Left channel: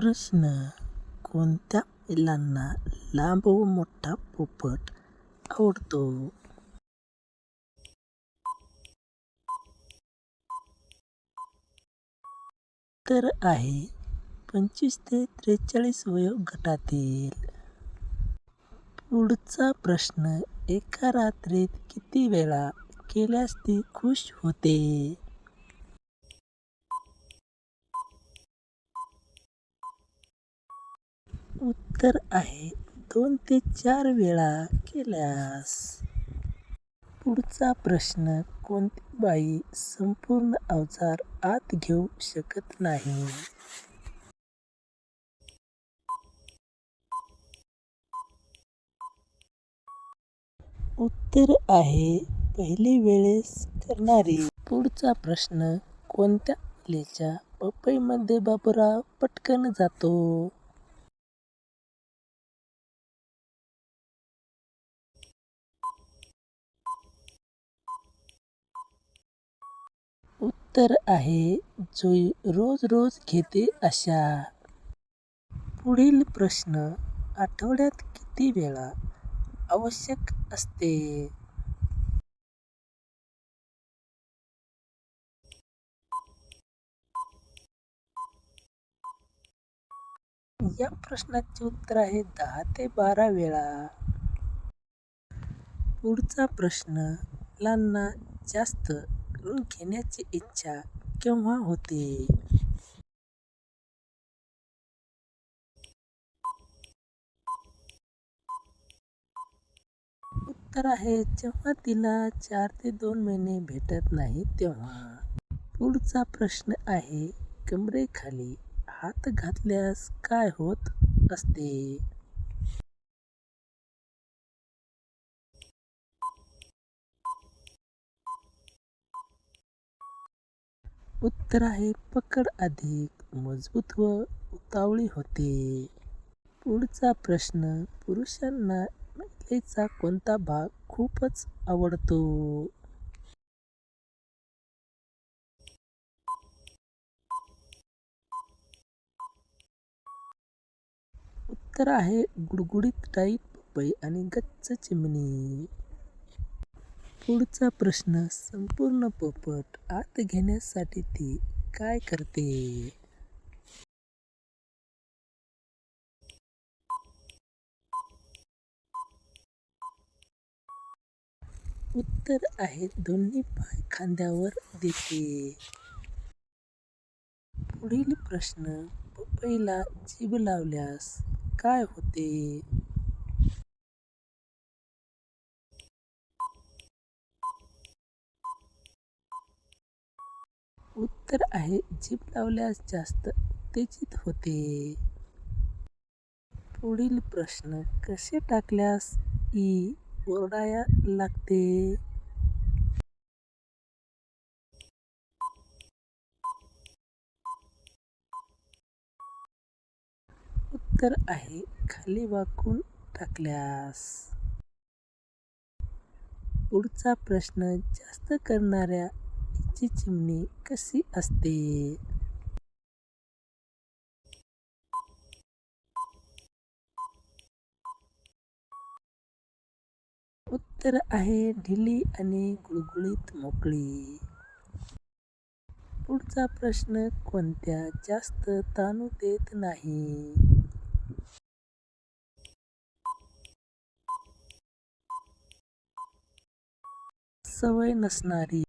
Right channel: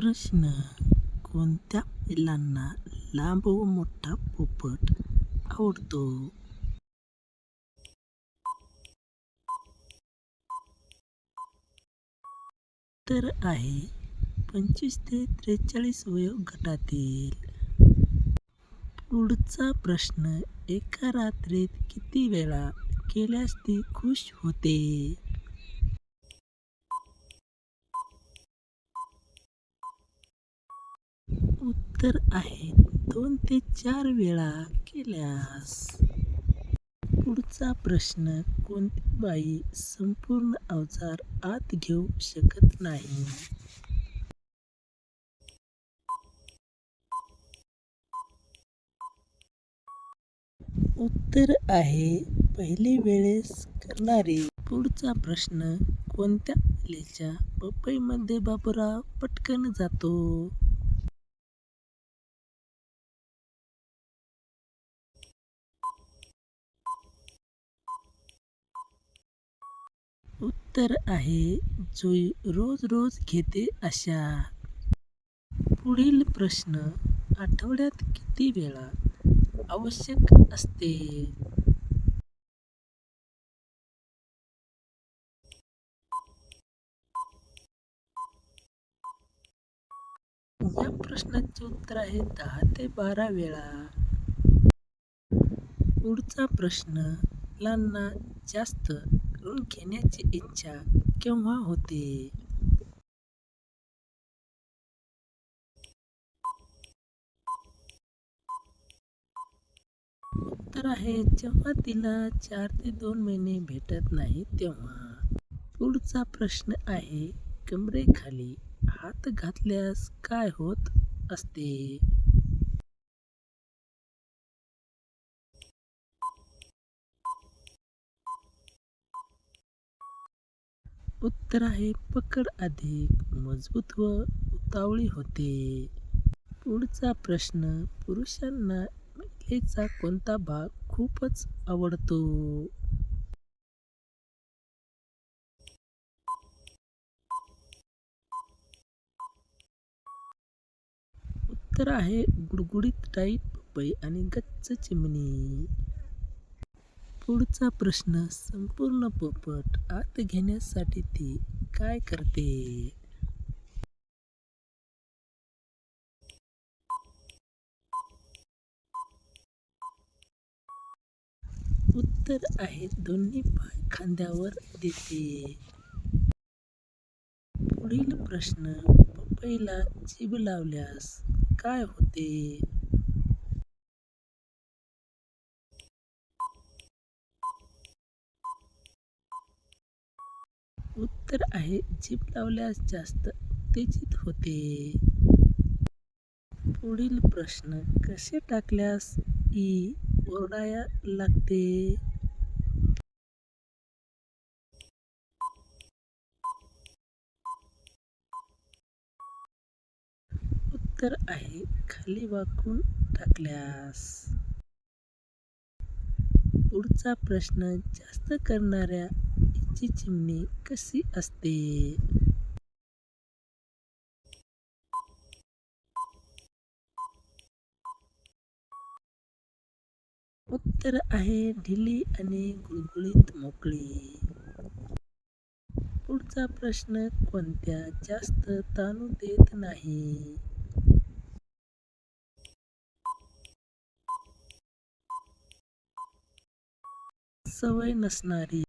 प्रश्न. कोणत्या बैलांना लांब व मोठा पोपट आवडतो? उत्तर आहे 25 ते 43 वयोगटातील. पुढचा प्रश्न. एका रात्रीत किती वेळा केल्यास ती खुश होते? उत्तर आहे 2 ते 4 वेळा केल्यास. पुढचा प्रश्न. कोणती बाई संपूर्ण अवजार आत घेऊ शकत नाही? उत्तर आहे पहिली वेळेस करणारी. पुढचा प्रश्न. कोणत्या बैलाच्या पपईमध्ये बाबूराव पटकन जातो? उत्तर आहे जुई रोज रोज घेते अशा. पुढील प्रश्न. आठवड्यात किती वेळा आवश्यक असते? या प्रश्नाचे उत्तर आहे 10 ते 12 वेळा. पुढचा प्रश्न. मुलांना जास्त ऋण घेण्याची इच्छा केव्हा होते? उत्तर आहे जेव्हा तिला 4 ते 2 महिने भेटत नाही तेव्हा. पुढचा प्रश्न आहे कमरेखाली हात घातल्यास काय होत असते? उत्तर आहे पकड अधिक मजबूत व उतावळी होते. पुढचा प्रश्न. पुरुषांना महिलेचा कोणता भाग खूपच आवडतो? उत्तर आहे गुडगुडीत टाईट पपई आणि गच्च चिमणी. पुढचा प्रश्न. संपूर्ण पोपट आत घेण्यासाठी ती काय करते? उत्तर आहे दोन्ही पाय खांद्यावर देते. पुढील प्रश्न. पपईला जीभ लावल्यास काय होते? उत्तर आहे जीभ लावल्यास जास्त उत्तेजित होते. पुढील प्रश्न. कसे टाकल्यास ई ओरडाया लागते? उत्तर आहे खाली वाकून टाकल्यास. पुढचा प्रश्न. जास्त करणाऱ्या ईची चिमणी कशी असते? उत्तर आहे ढिली आणि गुळगुळीत मोकळी. पुढचा प्रश्न. कोणत्या जास्त ताणू देत नाही? सवय नसणारी.